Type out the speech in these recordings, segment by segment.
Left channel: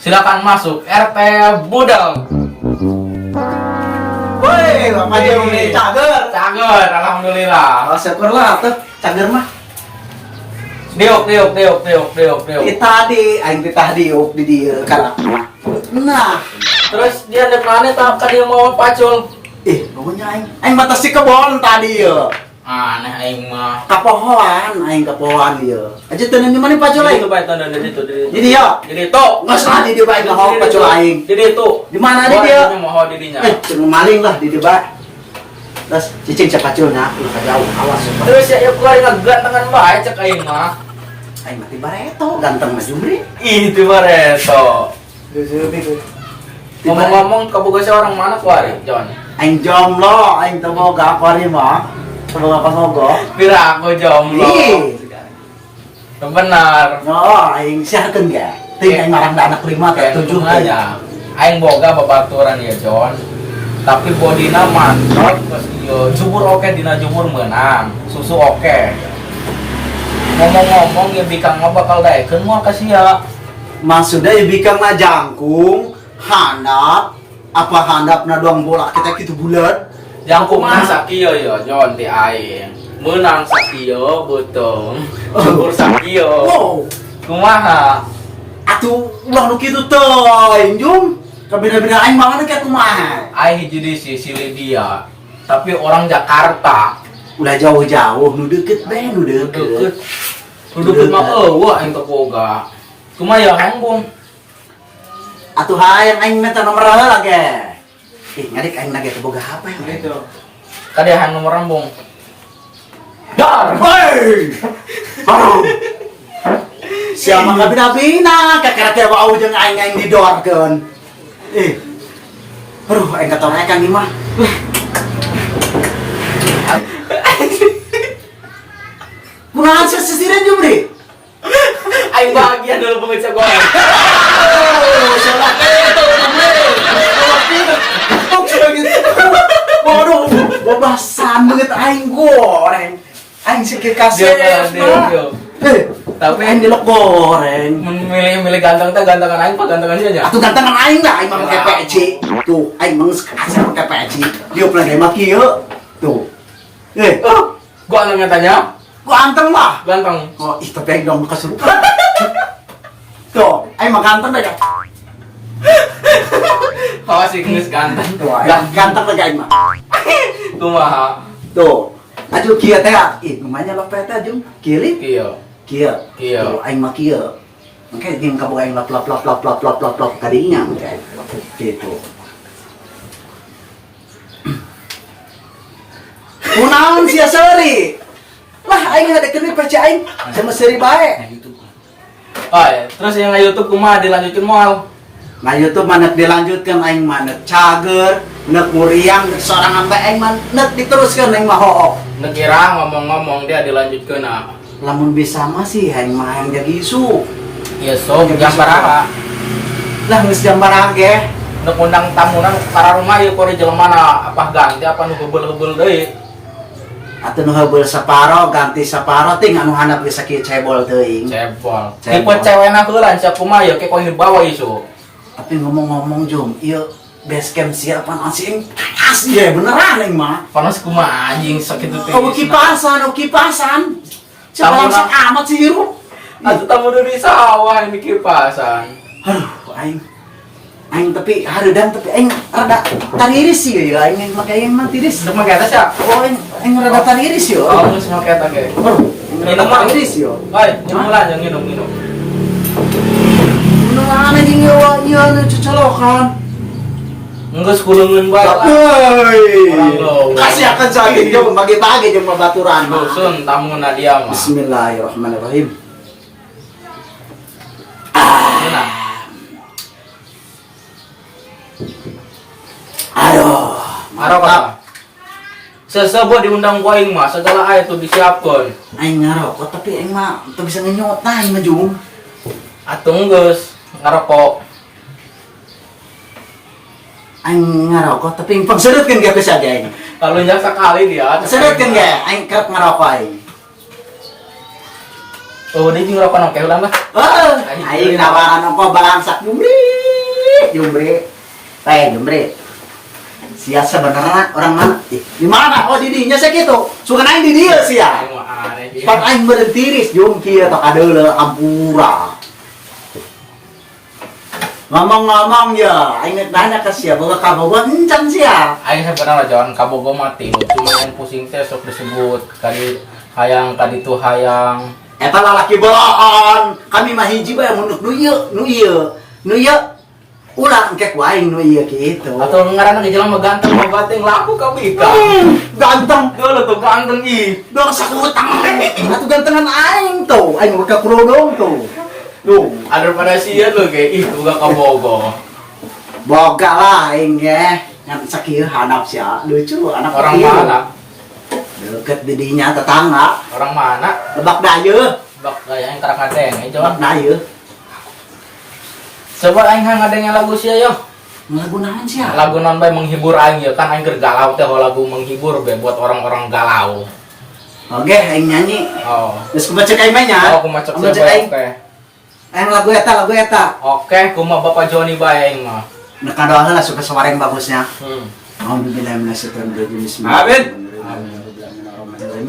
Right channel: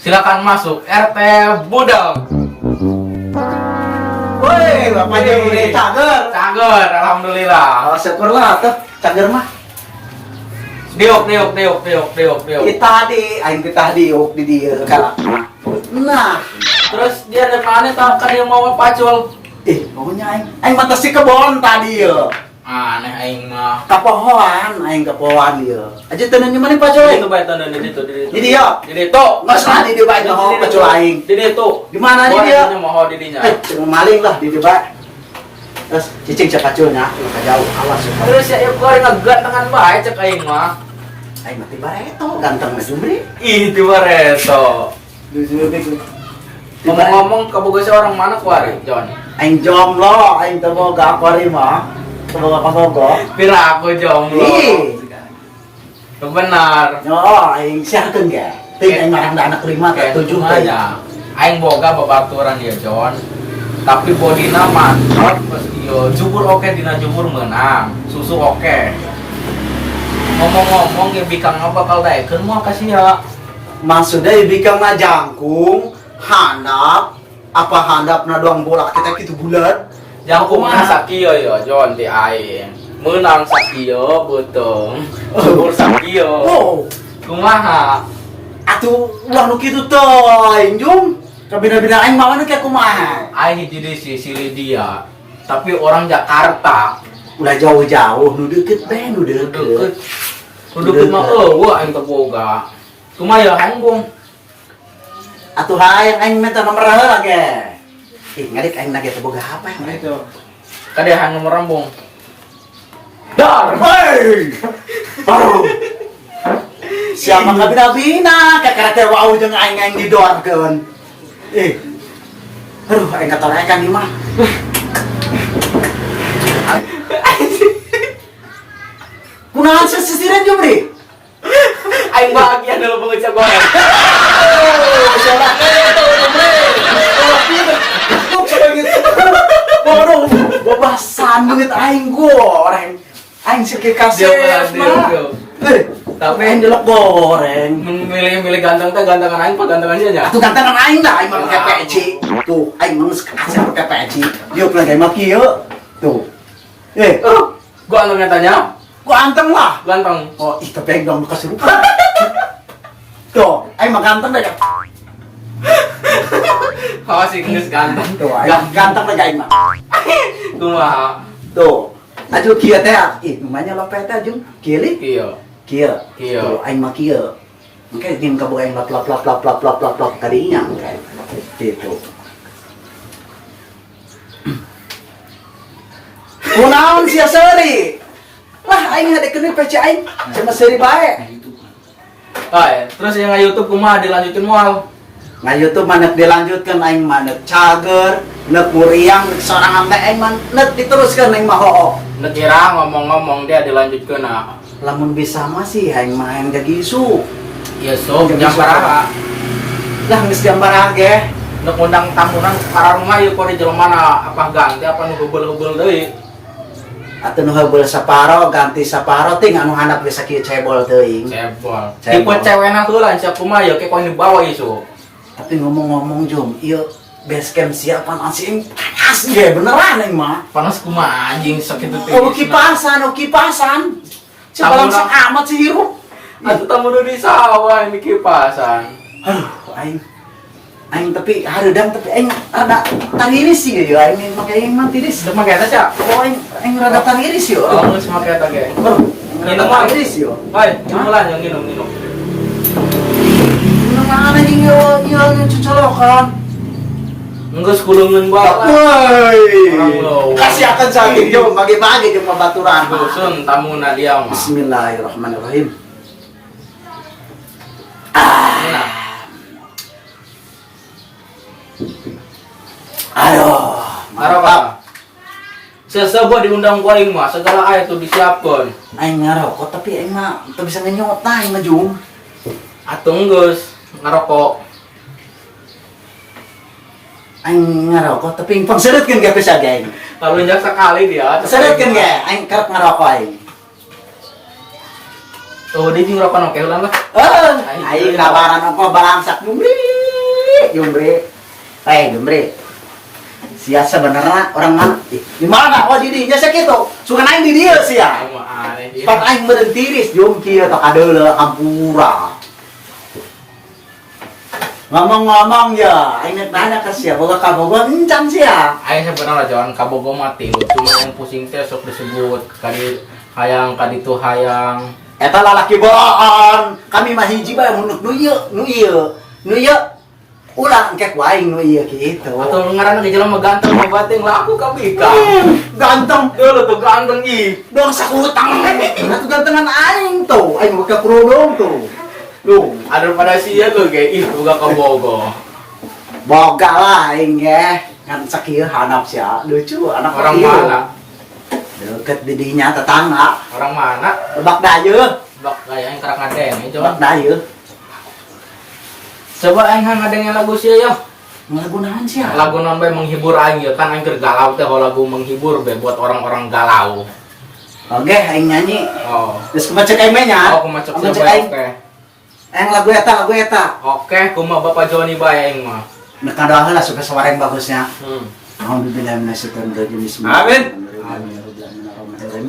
Silakan masuk RT Budal. Woi, Bapak Dewi cager. Cager, alhamdulillah. Syukurlah tuh cager mah. Diuk. Kita diuk di dia kan. Nah, Terus dia depannya tahu kan dia mau pacul. pokoknya aing mata si kebon tadi ya. Aneh aing mah. Aing kapohoan dia. Aja tenan di mana pacul Jadi aing? itu baik tanda di itu. Di dia. Jadi itu. Nggak salah di dia baik mau pacul aing. Jadi itu. Di mana di dia? Mau didinya. Ceng maling lah di dia baik. Terus cicing siapa paculnya? Jauh awas. Terus ya keluar gantengan bae cek aing mah. Aing mati bareto ganteng mah jumri. Ih, itu Bareto. Ngomong-ngomong kaboga orang mana kuari, John? Aing jomblo, aing teu boga akori mah. Teu boga pasogo. Pira aku jomblo. Ih. Benar. Oh, aing sakeun ge. Ting aing marang da anak 5 ke 7 aja. Aing boga babaturan ya, John. Tapi bodina mantap, yo jubur oke dina jubur menang. Susu oke. Ngomong-ngomong ya bikang bakal daekeun moal kasih ya. Maksudnya bikang na jangkung, handap, apa handapna doang bola kita gitu bulat. Jangkung mah sakieu ya, John ti aing. Menang sakieu beuteung. Jubur sakieu. Wow, Kumaha? atuh ulah nu kitu teh, Jung. Kabina-bina aing mah kayak kumaha. Aing hiji di si Lydia. Tapi orang Jakarta. Ulah jauh-jauh, nu deket bae, nu deket. Duduk mah eueuh aing teu boga. Kumaha ya aing, Bung? Atuh hayang aing minta nomor heula ge. Ngadik aing nage teu boga HP itu. Kadehan nomor Bung. Dar, hei. Aduh. Siapa kabina-bina, kakek wau jeung aing didorkeun. Aduh, aing katorekan ieu mah. Kunaon sisiran jeung deui? Aing bahagia dulu pengucap goreng. Waduh, bobasan banget aing goreng. Aing sikit kasih. Tapi aing delok goreng. Milih ganteng teh gantengan aing apa gantengan dia nya? Atuh gantengan aing lah, aing mah pakai peci. Tuh, aing mah asal pakai peci. Dia pernah kayak mah kieu. Tuh. Gua anu tanya. Gua anteng lah. Ganteng. Oh, ih tapi aing dong kasurupan. Tuh, aing mah ganteng dah ya. Oh, sih geus ganteng. Tuh, aing ganteng lagi aing mah. Kumaha? Tuh. Aju kieu teh, ih namanya lopet teh jeung kieu li. Kieu. Kieu. Kieu. Tuh, aing mah kieu. Engke jeung kaboga aing lap kadinya engke. Gitu. Kunaon sia seuri? Lah aing ngadekeun PC aing sama seuri bae. Oh, terus yang YouTube kumaha dilanjutin moal? Nah YouTube manek dilanjutkan aing manek cager, nek muriang seorang sampai aing mah nek diteruskan aing mah hoo. Nekira ngomong-ngomong dia dilanjutkeun na. Lamun bisa mah sih aing main jadi isu. Ieu sok jam baraha? Lah geus gambar ge. Nek undang tamunan ka rumah ieu kudu jelemana apa ganti apa nu heubeul-heubeul deui. Atuh nu heubeul saparo ganti saparo ting anu handap geus sakieu cebol teuing. Cebol. Cebol. Tipe cewekna heula sia kumaha ieu ke koin dibawa isu. Tapi ngomong-ngomong Jum, ieu base camp siapan asing asli ya beneran aing mah. Panas kumaha anjing sakitu teh. Kipasan. Coba langsung amat sih hirup. Atuh tamu di sawah ini kipasan. Aing tapi hareudang tapi aing rada taniris sih ya aing make aing mah tiris. Teu make eta sia. Oh aing rada taniris yo. Oh, geus make eta ge. Minum mah tiris yo. Bae, minum lah yang minum. Minum mana jeung ieu nu cocolokan. Enggeus kuleungeun bae. Woi. Kasih akan saking jeung bagi-bagi jeung babaturan. Dusun tamuna dia mah. Bismillahirrahmanirrahim. Aduh, Marokah. Sesebut diundang ku aing mah, segala aya tuh disiapkeun. aing ngarokok tapi aing mah teu bisa ngenyot nah aing mah Jung. Atuh geus ngarokok. Aing ngarokok tapi aing pangsereutkeun ge bisa ge aing. Talunnya sekali dia. Sereutkeun ge aing kerep ngarokok aing. Oh, di nyurapan oke ulang lah. Aing nawaran apa balangsak Jumbre. Jumbre. Sia sebenarnya orang mana? Di mana? Oh di dinya sakitu. Sugan aing di dieu sia. Aing mah aneh. Pak aing beureun tiris jum kieu tak adeuleu ampura. Ngomong-ngomong ya, aing nanya ke sia boga ka Bogor encan sia. Aing sebenarnya Jon kabogo mati, cuma yang pusing teh sok disebut kadi hayang kaditu hayang. Eta lalaki bohong. Kami mah hiji bae munuk nu ieu. Ulah engke ku aing nu ieu kitu. Atau ngaranna ge jelema ganteng babateng laku ka bika. Ganteng. Dulu tuh ganteng ih. Dong sakutang. Atuh gantengan aing tuh. Aing boga kerudung tuh. Duh, Ada pada sia tuh ge ih boga kabogo. boga lah aing ge. Ngan sakieu hanap sia. Lucu anak Orang ieu. mana? Deket di dinya tetangga. Orang mana? Lebak dayeuh. Bak kayak yang karak ngadeng, Lebak coba. dayeuh. Coba aing ngadengnya lagu sia yo. Lagu naon sia? Lagu non bae menghibur aing ya kan aing keur galau teh lagu menghibur be buat orang-orang galau. Oke, aing nyanyi. Oh. Terus kumacek aing mah nya. Oh, kumacek Kumacek sia aing. oke. Aing lagu eta. Oke, kumaha Bapak Joni bae aing mah. Nek kadoaheun lah supaya sawareng bagusnya. Hmm. Amin.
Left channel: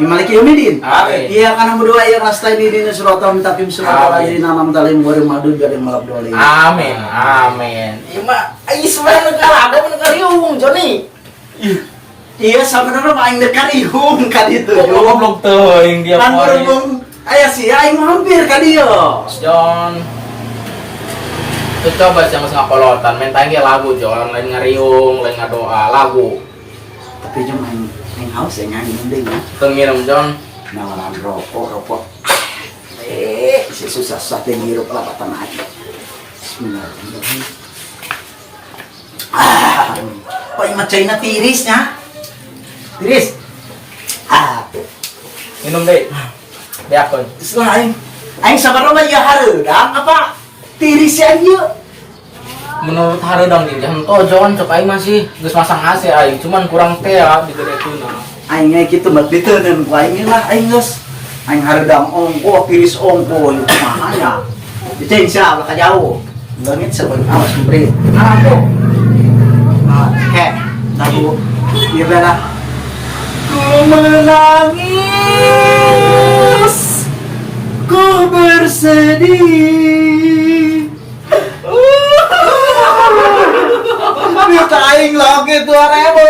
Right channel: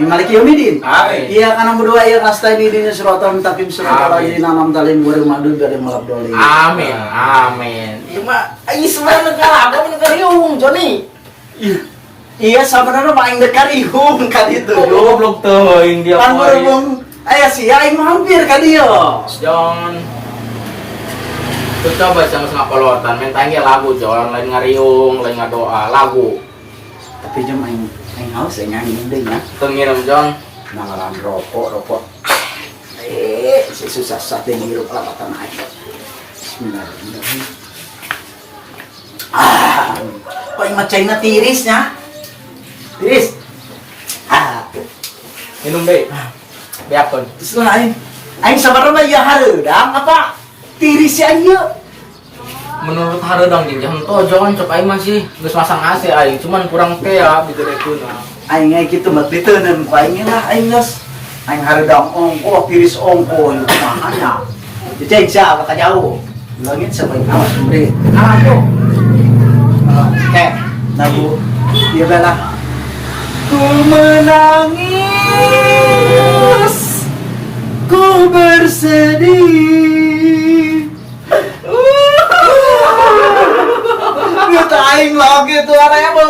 Maliki Yomidin. Amin. Iya kan berdua ya nasta di dina suratul mutakim suratul ladzina an'amta alaihim ghairil maghdubi alaihim waladdallin. Amin. Amin. Ieu mah aing sebenarnya negara apa negara iung Joni. Iya sebenarnya mah aing dekat ihung ka ditu. Oh, goblok teuing dia Pan poe. berhubung aya sih aing mah hampir ka dieu. Jon. Tuh coba sih mas ngapolotan, main tangi lagu Jon, lain ngariung, lain ngadoa, lagu. Tapi jam aing haus aing nyanyi mending ya. Tuh ngirim Jon. Nangaran rokok. Si susah teh ngirup lah kata aing. Bismillahirrahmanirrahim. Kok imah caina tirisnya? Tiris. Minum deh. Beakon. Setelah aing sabarna ya hareudang apa? Tiris ya ieu. Menurut hareudang jeung jam to Jon, cok aing masih geus masang AC aing, cuman kurang teh ya di gereutuna. Aing nya kitu mah diteuneun ku aing lah aing geus. Aing hareudang ongko, tiris ongko ieu kumaha nya. Diceun sia ka jauh. Langit sebeung awas beri. Aku. Oke, lagu dia bela. Ku menangis, ku bersedih. Kita aing lagi tuh arebo.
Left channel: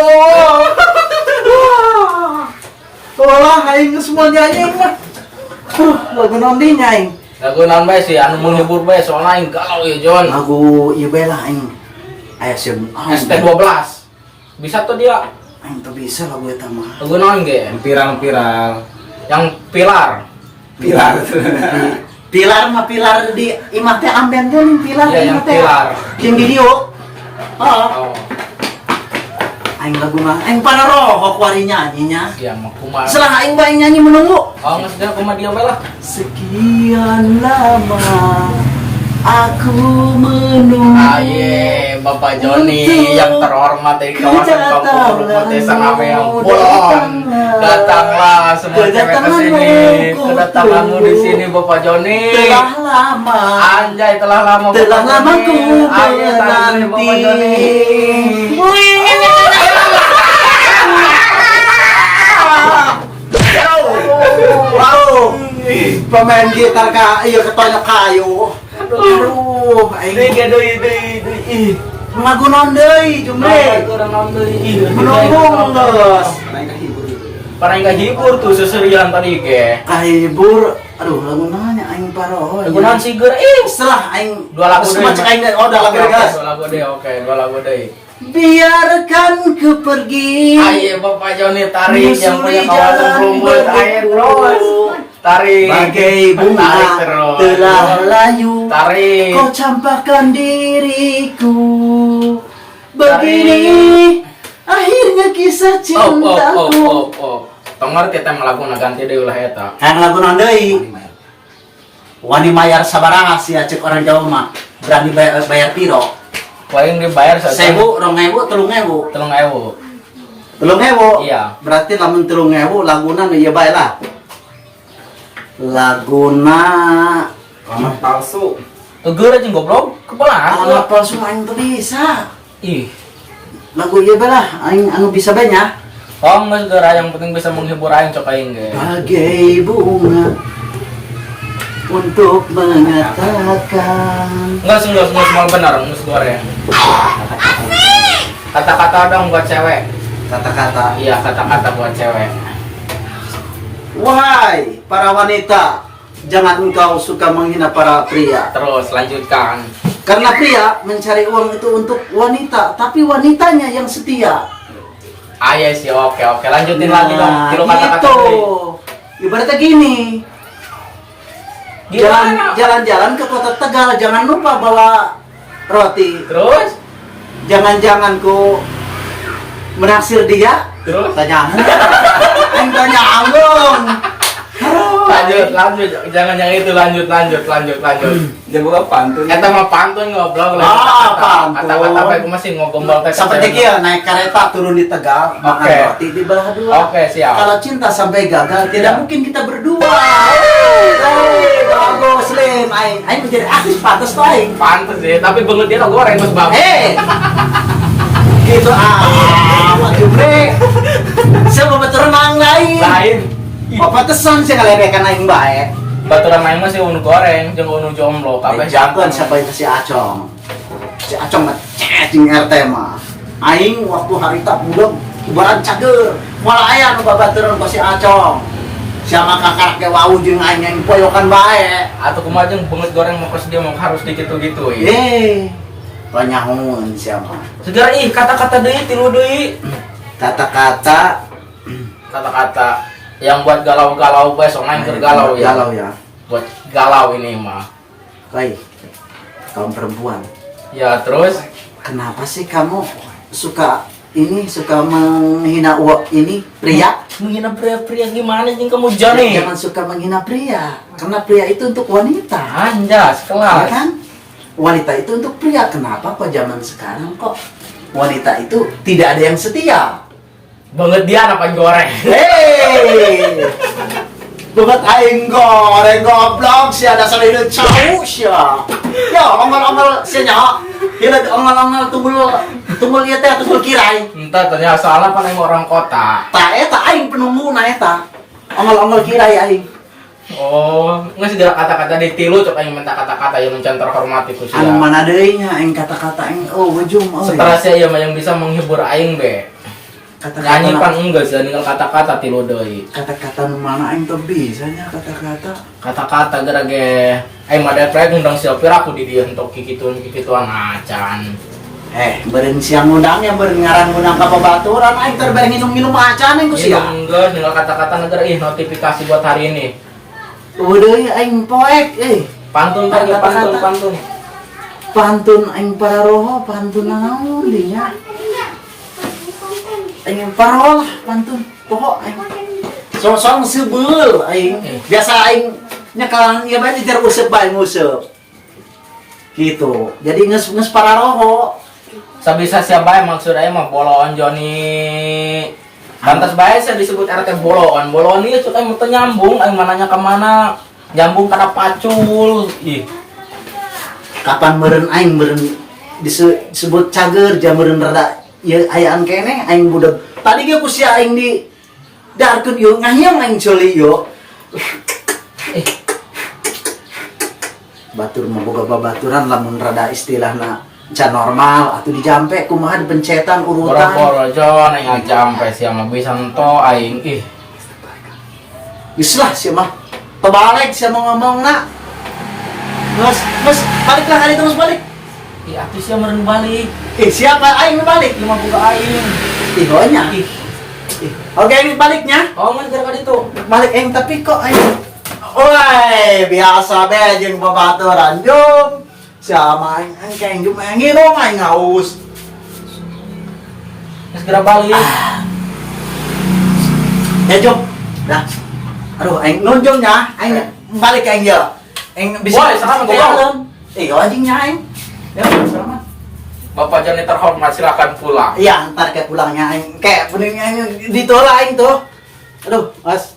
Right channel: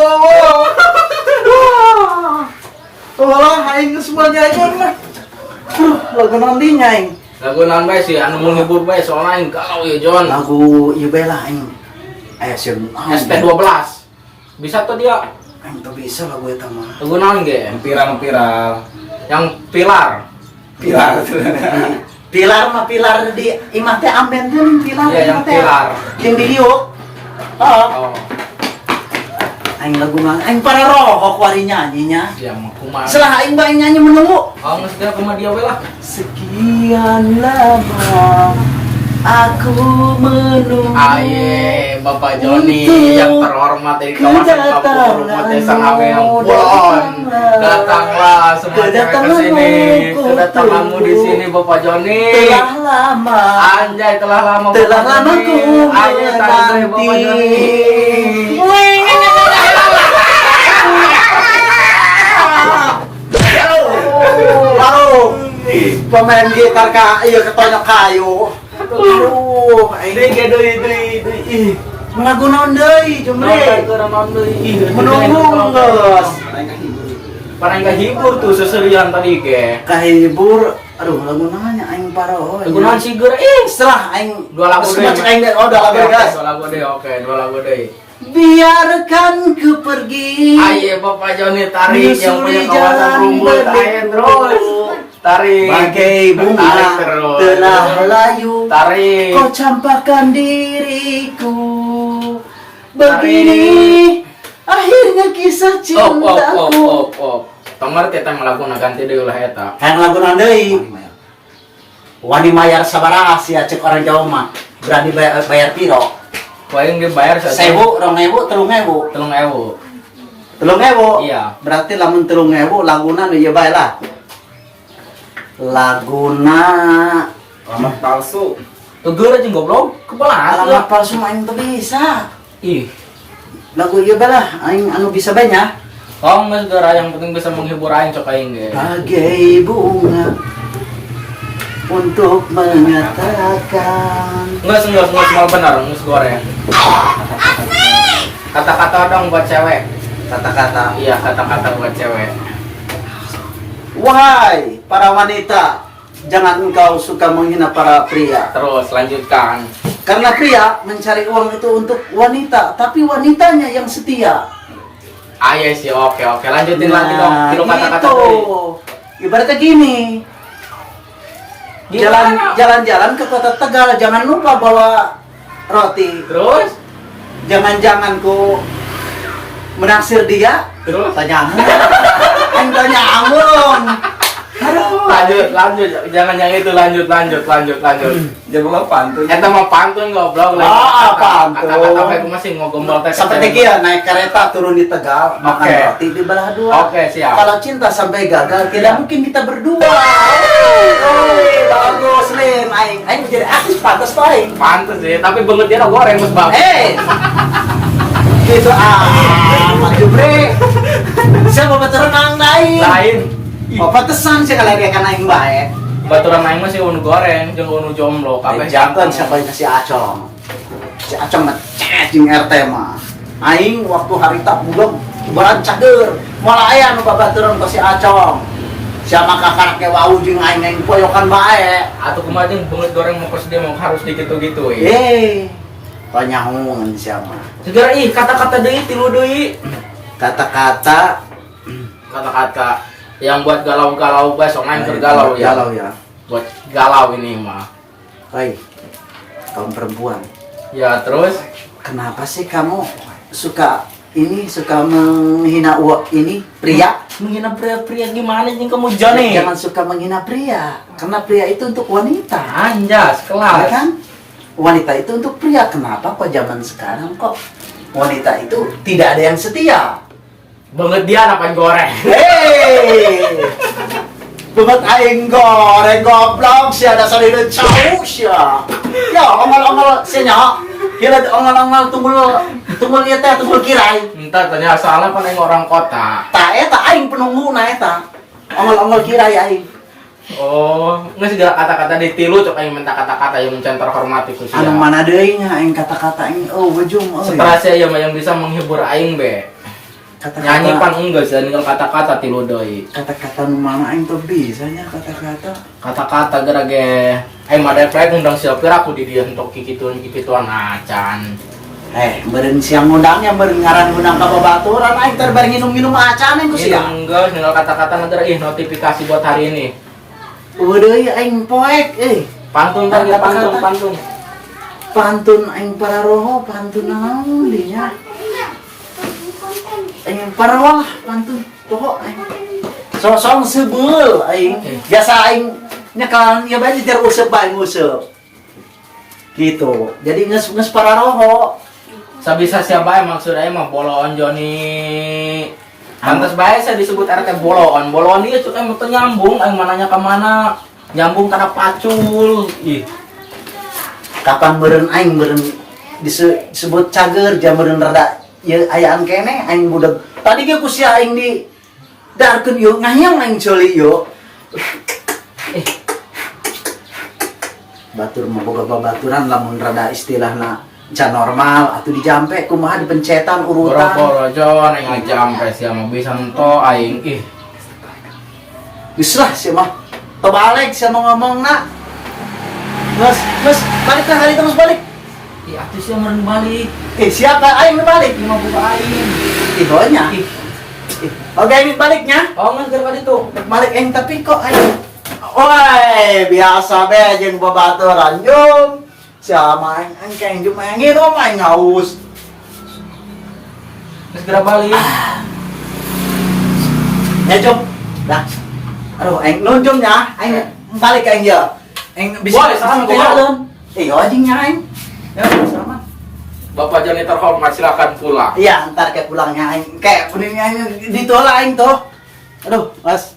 Walah aing semuanya aing mah. Lagu naon di aing. Lagu naon bae sih anu menghibur bae soalnya aing galau ya Jon. Lagu ieu bae lah aing. Aya sim. ST12. Bisa tuh dia. Aing teu bisa lagu eta mah. Lagu naon ge? Pirang-pirang. Yang pilar. Pilar mah pilar di imah teh amben geuleuh pilar. Iya, yang imah teh. pilar. Yang video. Oh. Oh. Aing lagu mah aing para rohok wari nyanyinya. Yang mah kumaha. Setelah aing bae nyanyi menunggu. Oh, geus dia kumaha dia we lah. Sekian lama aku menunggu. Aye, Bapak Joni yang terhormat di kawasan Kampung Rumah Desa Ngabeang Pulon. Datanglah semua cewek ke sini. Kedatanganmu di sini Bapak Joni. Telah lama. Anjay, telah lama Telah Bapak lama Joni. ku Ayo tadi Bapak Joni. Wow, pemain gitar ka, iya ketonyok kayu. Aduh, Deui deui. lagu naon deui, Jumre? Menunggu geus. Parang hibur tuh seserian tadi ge. Kahibur, aduh lagu naon nya aing paroh. Lagu naon siger Setelah aing dua lagu semua cek aing deh. Oh, dua lagu Oke, guys. dua lagu deh, oke, dua lagu deh. Biarkan ku pergi. Ayo Bapak Joni tarik yang punya Menyusuri kawasan jalan rumput, ayo berliku. terus. Tarik. Bagai bunga Tarik terus. telah layu. Tarik. Kau campakkan diriku. Begini akhirnya kisah cintaku. Tong ngerti eta lagu ganti deui ulah eta. Kan lagu naon deui? Wani mayar sabaraha sia cek orang Jawa mah. Berani bayar piro? Paling dibayar 1.000, 2.000, 3.000. 3.000. 3.000. Iya. Berarti lamun 3.000 laguna nu ieu bae lah. Laguna Alamat palsu. Tegur aja goblok. Kebelah. alamat palsu mah aing teu bisa. Ih. Lagu ieu balah aing anu bisa banyak. Oh, nggak segera, yang penting bisa menghibur aing cok aing ge. Bagai bunga untuk mengatakan. Enggak semua benar, ngus goreng. Kata-kata dong buat cewek. Kata-kata. Iya, kata-kata buat cewek. Wahai para wanita, jangan engkau suka menghina para pria. Terus lanjutkan. Karena pria mencari uang itu untuk wanita, tapi wanitanya yang setia. Iya sih, oke. Lanjutin lagi dong. Tilu kata-kata gitu. deui. Ibaratnya gini. Gimana? Jalan-jalan ke kota Tegal, jangan lupa bawa roti. Terus? Jangan-jangan ku menaksir dia. Terus? Tanya amun. Aduh. Lanjut. Jangan yang itu, lanjut. Dia bukan pantun. Eta mah pantun goblok. Pantun. Kata-kata bae masih ngogombol teh. Seperti kia naik kereta turun di Tegal, makan Oke. roti di belah dua. Oke, siap. Kalau cinta sampai gagal, Iya. tidak mungkin kita berdua. Bagus, Lim. Aing menjadi artis pantas tuh aing. Pantes sih, tapi banget dia goreng Mas Bab. Gitu amat Jumri. Saya mau betul mang Lain. Papatesan saya ngalerekan aing bae. Baturan main mah sih unu goreng, jeung unu jomblo, kabeh Jangan jantan. sampai ke si Acong. Si Acong mah cacing RT mah. Aing waktu harita bulan ibarat cager. Malah aya nu babaturan ka si Acong. Siapa kakak ke wau jeung aing yang poyokan bae. Atuh kumaha jeung banget goreng mau pas dia mau harus dikitu-gitu Panyahoun siapa? Segera kata-kata deui tilu deui. Kata-kata yang buat galau-galau besok main galau ya. Galau ya. Buat galau ini mah. Baik. Kaum perempuan. Ya terus Kenapa sih kamu suka menghina ini pria? menghina pria-pria gimana jeung kamu Joni? Jangan suka menghina pria, karena pria itu untuk wanita. Anjas, Ya kelas. kan? Wanita itu untuk pria. Kenapa kok zaman sekarang kok wanita itu tidak ada yang setia? Banget dia apa goreng. Hei, banget aing goreng goblok sih ada salida cau sih. Ya ongol-ongol sih nya. Kira ongol-ongol tunggul ieu teh tunggul kirai. Entah tanya soalnya kan emang orang kota. Ta eta aing penungguna eta. Ongol-ongol kirai aing. Oh, nggak segala kata-kata ditilu cok aing minta kata-kata yang mencan terhormati ku sia. Anu mana deui nya aing kata-kata aing bujung Setelah saya yang bisa menghibur aing be. Nyanyi pan enggak sih, tinggal kata-kata tilu deui. Kata-kata nu mana aing teu bisa nya kata-kata. Kata-kata gara ge aing mah depek ngundang siapir aku di dieu entok kikituan acan. Beureun siang ngundangnya beureun ngarang-ngundang ka babaturan aing teu bari minum-minum acan aing ku Iya siang. enggak, tinggal kata-kata negara notifikasi buat hari ini. Deui aing poek Pantun tadi pantun. Pantun aing pararoho pantun naon dieu nya. Aing pararoho pantun poho aing. Soal sebeul aing. Biasa aing nya kalan ieu bae dijar useup bae nguseup. Gitu. Jadi geus pararoho. Sabisa siapa yang maksud aing mah boloon Joni. Pantas bae saya disebut RT boloon. Boloon ieu cuk aing teu nyambung, aing mananya ka mana? Nyambung kana pacul. Ih, Kapan meureun aing disebut cager jam meureun rada ieu ayaan keneh aing budak. Tadi ge ku sia aing di darkeun ieu ngayem aing coli ieu. Batur mah boga babaturan lamun rada istilahna can normal atau dijampe kumaha dipencetan urutan. boro-boro Jon aing ngajampe sia mah bisa ento aing. Ih, Geus lah sia mah. Tebalik sia mau ngomongna. Geus balik lah kali terus balik. ih atuh sia meureun balik. Siapa aing nu balik? Ieu mah buka aing. Banyak. Ih, Oke, ini baliknya. oh geus gara ditu. Balik aing tapi kok aing. Oi, biasa be jeung babaturan jum. Siapa aing kayak jum aing nginom aing haus. Geus gara balik. Ya jum. Dah. Aduh, aing nunjung nya, aing balik aing ya. Aing bisa Boleh, sarang gua. jalan. Anjing nya aing. Ya, sama. Bapak Joni terhormat silakan pulang. Iya, ntar kayak pulangnya aing kayak benernya aing ditolak aing tuh. Aduh, Mas.